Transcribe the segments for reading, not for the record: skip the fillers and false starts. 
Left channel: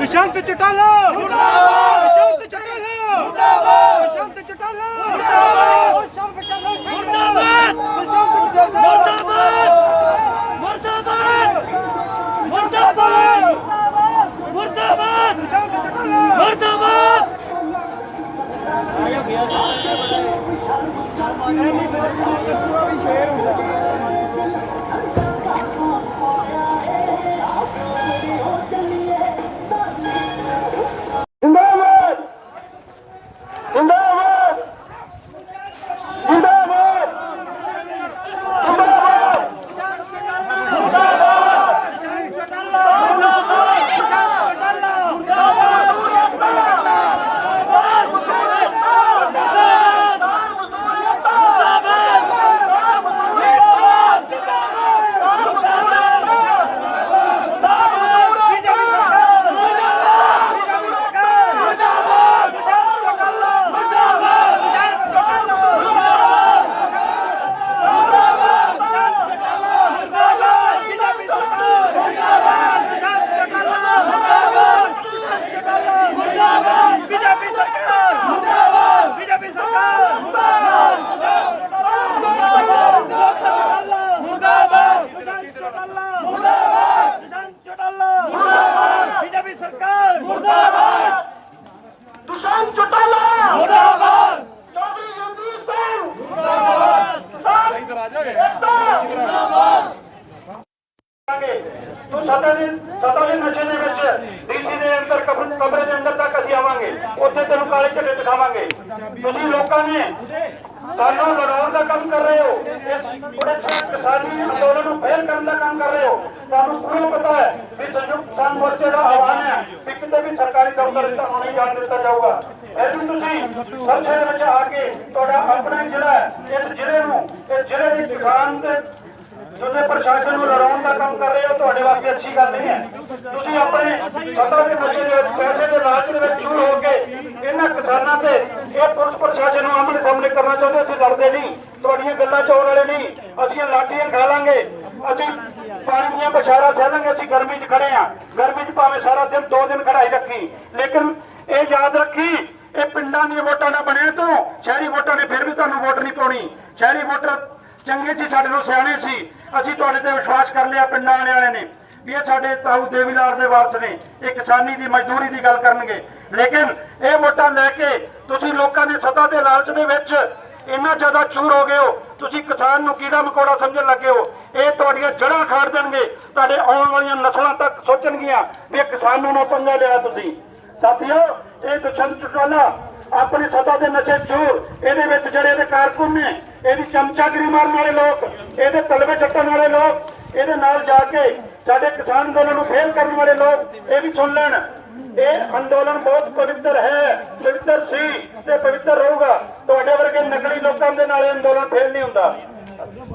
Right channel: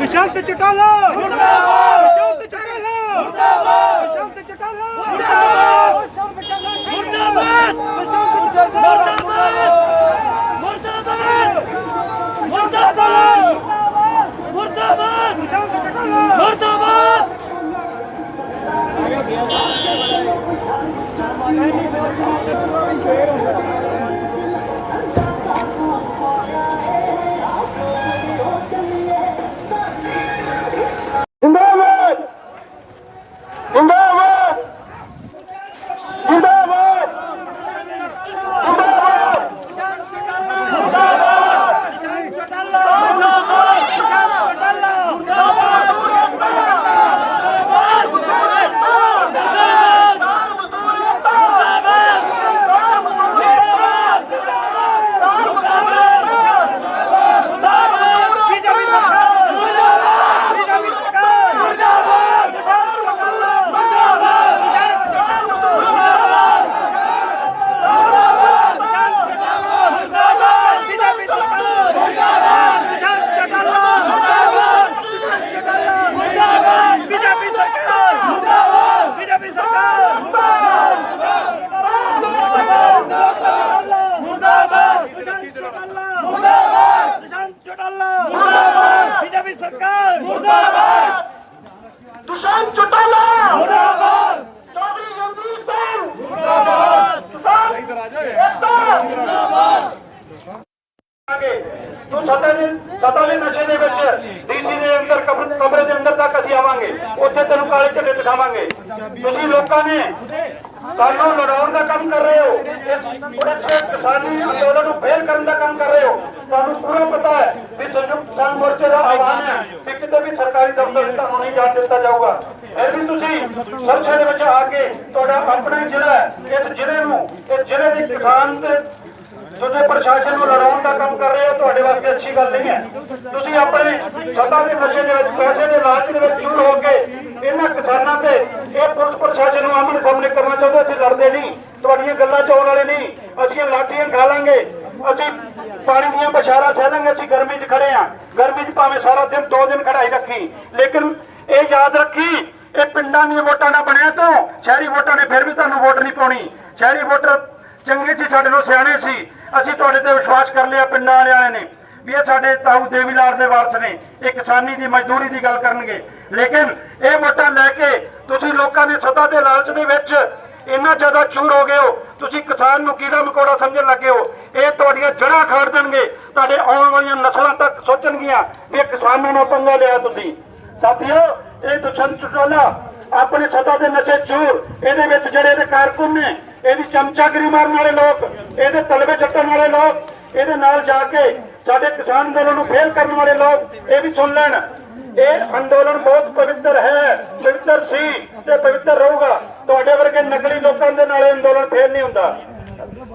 दुष्यंत चौटाला मुर्दाबाद, दुष्यंत चौटाला मुर्दाबाद, दुष्यंत चौटाला मुर्दाबाद, मुर्दाबाद, मुर्दाबाद, मुर्दाबाद, दुष्यंत चौटाला मुर्दाबाद। बीजेपी सरकार मुर्दाबाद, दुष्यंत चौटाला मुर्दाबाद, चौधरी रणजीत सिंह मुर्दाबाद, सत्ता ਦੇ ਨਸ਼ੇ ਦੇ ਵਿੱਚ ਡੀਸੀ ਦੇ ਅੰਦਰ ਕਮਰੇ ਦੇ ਅੰਦਰ ਤੱਕ ਅਸੀਂ ਆਵਾਂਗੇ, ਉੱਥੇ ਤੈਨੂੰ ਕਾਲੇ ਝੰਡੇ ਦਿਖਾਵਾਂਗੇ। ਤੁਸੀਂ ਲੋਕਾਂ ਨੇ ਸਾਨੂੰ ਲੜਾਉਣ ਦਾ ਕੰਮ ਕਰ ਰਹੇ ਹੋ, ਕਿਸਾਨੀ ਅੰਦੋਲਨ ਨੂੰ ਫੇਲ ਕਰਨ ਦਾ ਕੰਮ ਕਰ ਰਹੇ ਹੋ। ਤੁਹਾਨੂੰ ਪੂਰਾ ਪਤਾ ਹੈ ਕਿ ਸੰਯੁਕਤ ਕਿਸਾਨ ਮੋਰਚੇ ਦਾ ਐਲਾਨ ਹੈ ਕਿ ਕਿਤੇ ਵੀ ਸਰਕਾਰੀ ਦਫ਼ਤਰ ਤੁਹਾਨੂੰ ਨਹੀਂ ਜਾਣ ਦਿੱਤਾ ਜਾਊਗਾ। ਫਿਰ ਵੀ ਤੁਸੀਂ ਸੰਸਦ ਦੇ ਵਿੱਚ ਆ ਕੇ ਤੁਹਾਡਾ ਆਪਣਾ ਜ਼ਿਲ੍ਹਾ ਹੈ, ਇਸ ਜ਼ਿਲ੍ਹੇ ਨੂੰ ਇਸ ਜ਼ਿਲ੍ਹੇ ਦੇ ਕਿਸਾਨ ਤੇ ਜਿਹੜੇ ਪ੍ਰਸ਼ਾਸਨ ਨੂੰ ਲੜਾਉਣ ਦਾ ਕੰਮ ਕਰ ਰਹੇ ਹੋ, ਤੁਹਾਡੇ ਵਾਸਤੇ ਅੱਛੀ ਗੱਲ ਨਹੀਂ ਹੈ। ਤੁਸੀਂ ਆਪਣੇ ਸੱਤਾ ਦੇ ਨਸ਼ੇ ਦੇ ਵਿੱਚ ਪੈਸੇ ਦੇ ਲਾਲਚ ਦੇ ਵਿੱਚ ਚੂਰ ਹੋ ਕੇ ਇਹਨਾਂ ਕਿਸਾਨਾਂ ਤੇ ਇਹ ਪੁਲਿਸ ਪ੍ਰਸ਼ਾਸਨ ਨੂੰ ਆਮਣੇ ਸਾਹਮਣੇ ਕਰਨਾ ਚਾਹੁੰਦੇ। ਅਸੀਂ ਲੜਦੇ ਨਹੀਂ, ਤੁਹਾਡੀਆਂ ਗੱਲਾਂ ਚੋਣ ਵਾਲੇ ਨਹੀਂ। ਅਸੀਂ ਲਾਠੀਆਂ ਖਾ ਲਾਂਗੇ, ਅਸੀਂ ਪਾਣੀ ਦੀਆਂ ਬਸ਼ਾਰਾਂ ਸਹਿ ਲਾਂਗੇ। ਅਸੀਂ ਗਰਮੀ 'ਚ ਖੜੇ ਹਾਂ, ਗਰਮੀ 'ਚ ਭਾਵੇਂ ਸਾਰਾ ਦਿਨ 2 ਦਿਨ ਖੜਾਈ ਰੱਖੀ, ਲੇਕਿਨ ਇਹ ਯਾਦ ਰੱਖੀ ਇਹ ਪਿੰਡਾਂ ਦੀਆਂ ਵੋਟਾਂ ਨਾ ਬਣਿਆ ਤੋਂ ਸ਼ਹਿਰੀ ਵੋਟਾਂ ਨੇ ਫਿਰ ਵੀ ਤੁਹਾਨੂੰ ਵੋਟ ਨਹੀਂ ਪਾਉਣੀ। ਸ਼ਹਿਰੀ ਵੋਟਰ ਚੰਗੇ ਸੀ, ਸਾਡੇ ਨੂੰ ਸਿਆਣੇ ਸੀ। ਅਸੀਂ ਤੁਹਾਡੇ ਤੇ ਵਿਸ਼ਵਾਸ ਕਰ ਲਿਆ, ਪਿੰਡਾਂ ਵਾਲਿਆਂ ਨੇ ਵੀ ਇਹ ਸਾਡੇ ਤਾਊ ਦੇਵੀਲਾਲ ਦੇ ਵਾਰਸ ਨੇ, ਇਹ ਕਿਸਾਨੀ ਦੀ ਮਜ਼ਦੂਰੀ ਦੀ ਗੱਲ ਕਰਨਗੇ। ਲੇਕਿਨ ਇਹ ਵੋਟਾਂ ਲੈ ਕੇ ਤੁਸੀਂ ਲੋਕਾਂ ਨੇ ਸੱਤਾ ਦੇ ਲਾਲਚ ਦੇ ਵਿੱਚ ਇੰਨਾ ਜ਼ਿਆਦਾ ਚੂਰ ਹੋ ਗਏ ਹੋ, ਤੁਸੀਂ ਕਿਸਾਨ ਨੂੰ ਕੀੜਾ ਮਕੌੜਾ ਸਮਝਣ ਲੱਗੇ ਹੋ। ਇਹ ਤੁਹਾਡੀਆਂ ਜੜ੍ਹਾਂ ਖਾੜ ਦੇਣਗੇ, ਤੁਹਾਡੇ ਆਉਣ ਵਾਲੀਆਂ ਨਸਲਾਂ ਤੱਕ ਸੋਚਣਗੀਆਂ ਵੀ ਕਿਸਾਨਾਂ ਨਾਲ ਪੰਗਾ ਲਿਆ ਤੁਸੀਂ। ਸਾਥੀਓ, ਇਹ ਦੁਸ਼ਯੰਤ ਚੌਟਾਲਾ ਆਪਣੇ ਸੱਤਾ ਦੇ ਨਸ਼ੇ ਚੂਰ, ਇਹਦੇ ਵਿੱਚ ਜਿਹੜੇ ਇਹਦੇ ਕਾਰਕੁਨ ਨੇ, ਇਹਦੀ ਚਮਚਾਗਿਰੀ ਮਾਰਨ ਵਾਲੇ ਲੋਕ, ਇਹਦੇ ਤਲਵੇ ਚੱਟਣ ਵਾਲੇ ਲੋਕ, ਇਹਦੇ ਨਾਲ ਜਾ ਕੇ ਸਾਡੇ ਕਿਸਾਨ ਅੰਦੋਲਨ ਨੂੰ ਫੇਲ ਕਰਨ ਵਾਲੇ ਲੋਕ, ਇਹ ਵੀ ਸੁਣ ਲੈਣ। ਇਹ ਅੰਦੋਲਨ ਬਹੁਤ ਪਵਿੱਤਰ ਹੈ, ਪਵਿੱਤਰ ਸੀ ਤੇ ਪਵਿੱਤਰ ਰਹੂਗਾ। ਤੁਹਾਡੇ ਵਰਗੇ ਨਕਲੀ ਲੋਕਾਂ ਦੇ ਨਾਲ ਅੰਦੋਲਨ ਫੇਲ ਨਹੀਂ ਹੁੰਦਾ।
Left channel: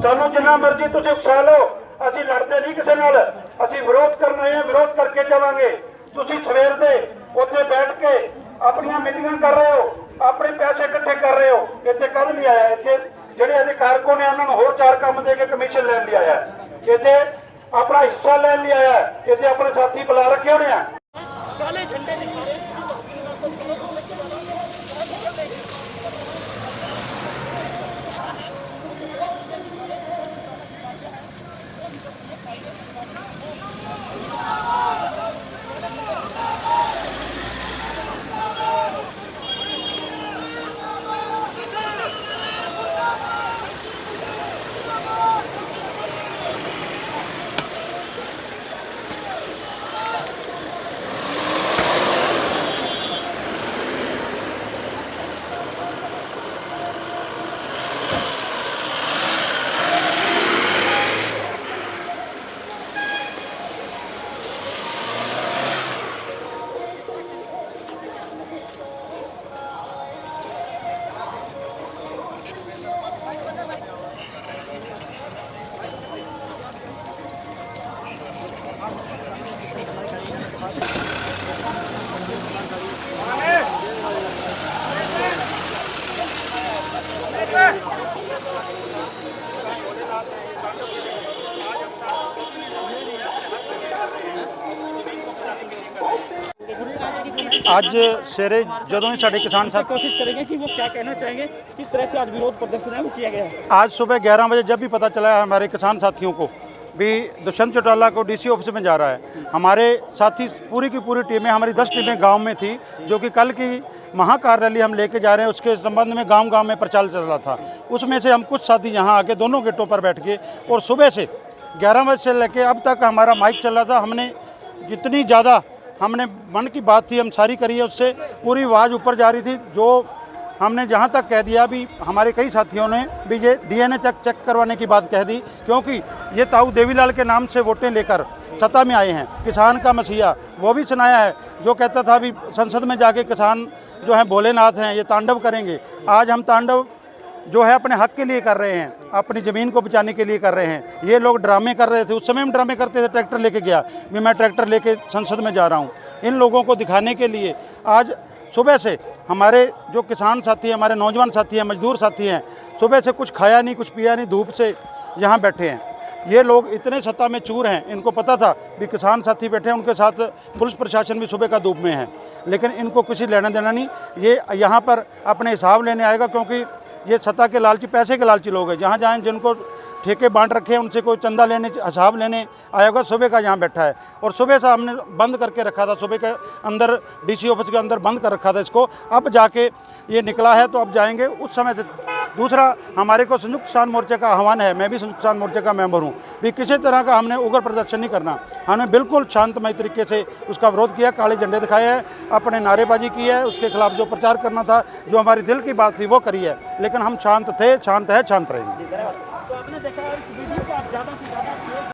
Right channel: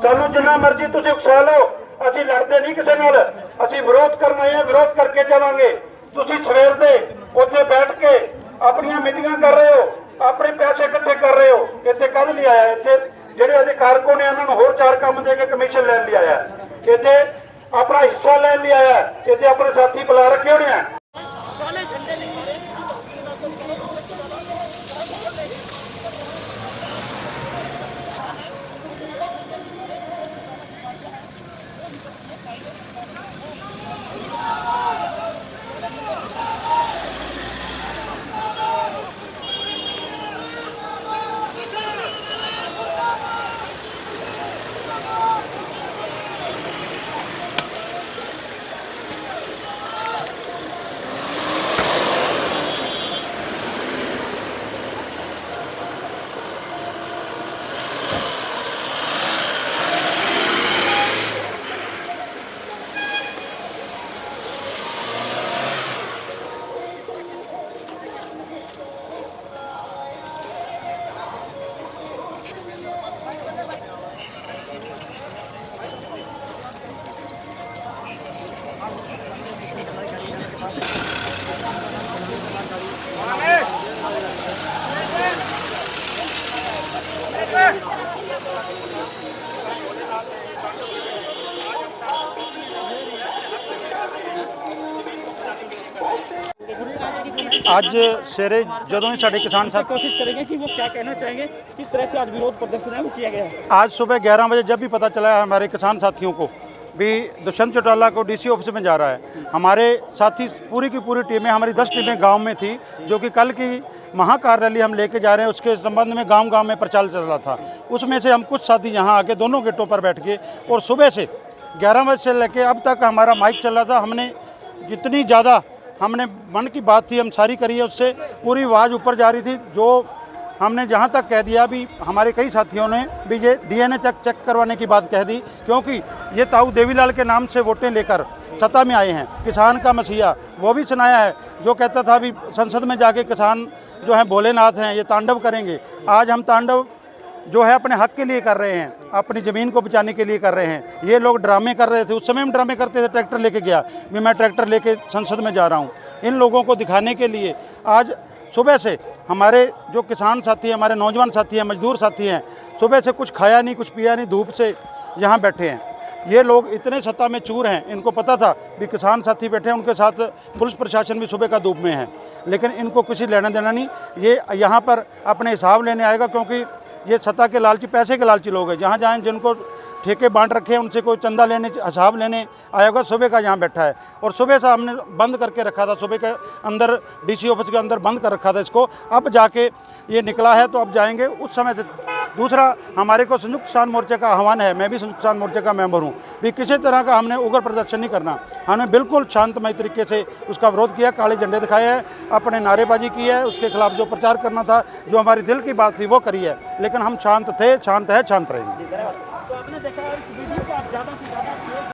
ਸਾਨੂੰ ਜਿੰਨਾ ਮਰਜ਼ੀ ਤੁਸੀਂ ਉਕਸਾ ਲਓ, ਅਸੀਂ ਲੜਦੇ ਨਹੀਂ ਕਿਸੇ ਨਾਲ, ਅਸੀਂ ਵਿਰੋਧ ਕਰਨਾ ਹੈ, ਵਿਰੋਧ ਕਰਕੇ ਜਾਵਾਂਗੇ। ਤੁਸੀਂ ਸਵੇਰ ਦੇ ਉੱਥੇ ਬੈਠ ਕੇ ਆਪਣੀਆਂ ਮੀਟਿੰਗਾਂ ਕਰ ਰਹੇ ਹੋ, ਆਪਣੇ ਪੈਸੇ ਇਕੱਠੇ ਕਰ ਰਹੇ ਹੋ। ਇੱਥੇ ਕਦ ਲਈ ਆਇਆ? ਇੱਥੇ ਜਿਹੜੇ ਇਹਦੇ ਕਾਰਕੁਨ ਨੇ ਉਹਨਾਂ ਨੂੰ ਹੋਰ 4 ਕੰਮ ਦੇ ਕੇ ਕਮਿਸ਼ਨ ਲੈਣ ਲਈ ਆਇਆ, ਇੱਥੇ ਆਪਣਾ ਹਿੱਸਾ ਲੈਣ ਲਈ ਆਇਆ, ਇੱਥੇ ਆਪਣੇ ਸਾਥੀ ਬੁਲਾ ਰੱਖੇ ਹੋਣੇ ਆ। ਅੱਜ ਸਵੇਰੇ ਜਦੋਂ ही साढ़े किसान साथ कोशिश करेंगे कि वो क्या कहना चाहेंगे, किस तरह से आज विरोध प्रदर्शन है वो किया गया है। आज सुबह 11 बजे जब भी पता चला है हमारे किसान साथियों को भी दुष्यंत चौटाला को डीसी ऑफिस में जा रहा है, हमारे साथी पूरी की पूरी टीमें, हमारी 10 टीमें गांव में थी, जो कि कल की महाकार रैली हम लेके जा रहे हैं उसके संबंध में गांव-गांव में प्रचार चल रहा था। उसमें से हम कुछ साथी यहां आके दोनों गेटों पर बैठ गए और सुबह से 11 बजे से लेके अब तक हमारा माइक चल रहा था। हमने जितनी ज़्यादा हमने मन की बात थी हम सारी करी है, उससे पूरी आवाज़ ऊपर जा रही थी। जो हमने जहाँ तक कह दिया भी हमारे कई साथियों ने भी ये डीएनए चेक करवाने की बात कह दी, क्योंकि ये ताऊ देवीलाल के नाम से वोटें लेकर सत्ता में आए हैं। किसान का मसीहा वो भी सुनाया है, जो कहता था भी संसद में जाके किसान जो है भोलेनाथ हैं, ये तांडव करेंगे। आज हम तांडव जो है अपने हक के लिए कर रहे हैं, अपनी ज़मीन को बचाने के लिए कर रहे हैं। ये लोग ड्रामे कर रहे थे, उस समय हम ड्रामे करते थे, ट्रैक्टर लेके गया भी मैं ट्रैक्टर लेके संसद में जा रहा हूँ। इन लोगों को दिखाने के लिए आज सुबह से हमारे जो किसान साथी हैं, हमारे नौजवान साथी हैं, मजदूर साथी हैं, सुबह से कुछ खाया नहीं, कुछ पिया नहीं, धूप से यहाँ बैठे हैं। ये लोग इतने सत्ता में चूर हैं, इनको पता था भी किसान साथी बैठे हैं, उनके साथ पुलिस प्रशासन भी सुबह का धूप में है, लेकिन इनको किसी लेना देना नहीं। ये यहाँ पर अपने हिसाब लेने आएगा, क्योंकि ये सत्ता के लालची, पैसे के लालची लोग हैं। जहाँ जहाँ जिनको ठेके बांट रखे हैं उनसे कोई चंदा लेने, हिसाब लेने आएगा। सुबह का यहाँ बैठा है और सुबह से हमने बंद करके रखा था, सुबह के अंदर डीसी ऑफिस के अंदर बंद कर रखा था इसको। अब जाके ये निकला है तो अब जाएंगे उस समय से। दूसरा, हमारे को संयुक्त किसान मोर्चे का आह्वान है, मैं भी संयुक्त किसान मोर्चे का मेंबर हूँ, भी किसी तरह का हमने उग्र प्रदर्शन नहीं करना। हमने बिल्कुल शांतमय तरीके से उसका विरोध किया, काले झंडे दिखाए हैं, अपने नारेबाजी की है, उसके खिलाफ जो प्रचार करना था, जो हमारी दिल की बात थी वो करी है, लेकिन हम शांत थे, शांत है, शांत रहेंगे। तो आपने देखा इस वीडियो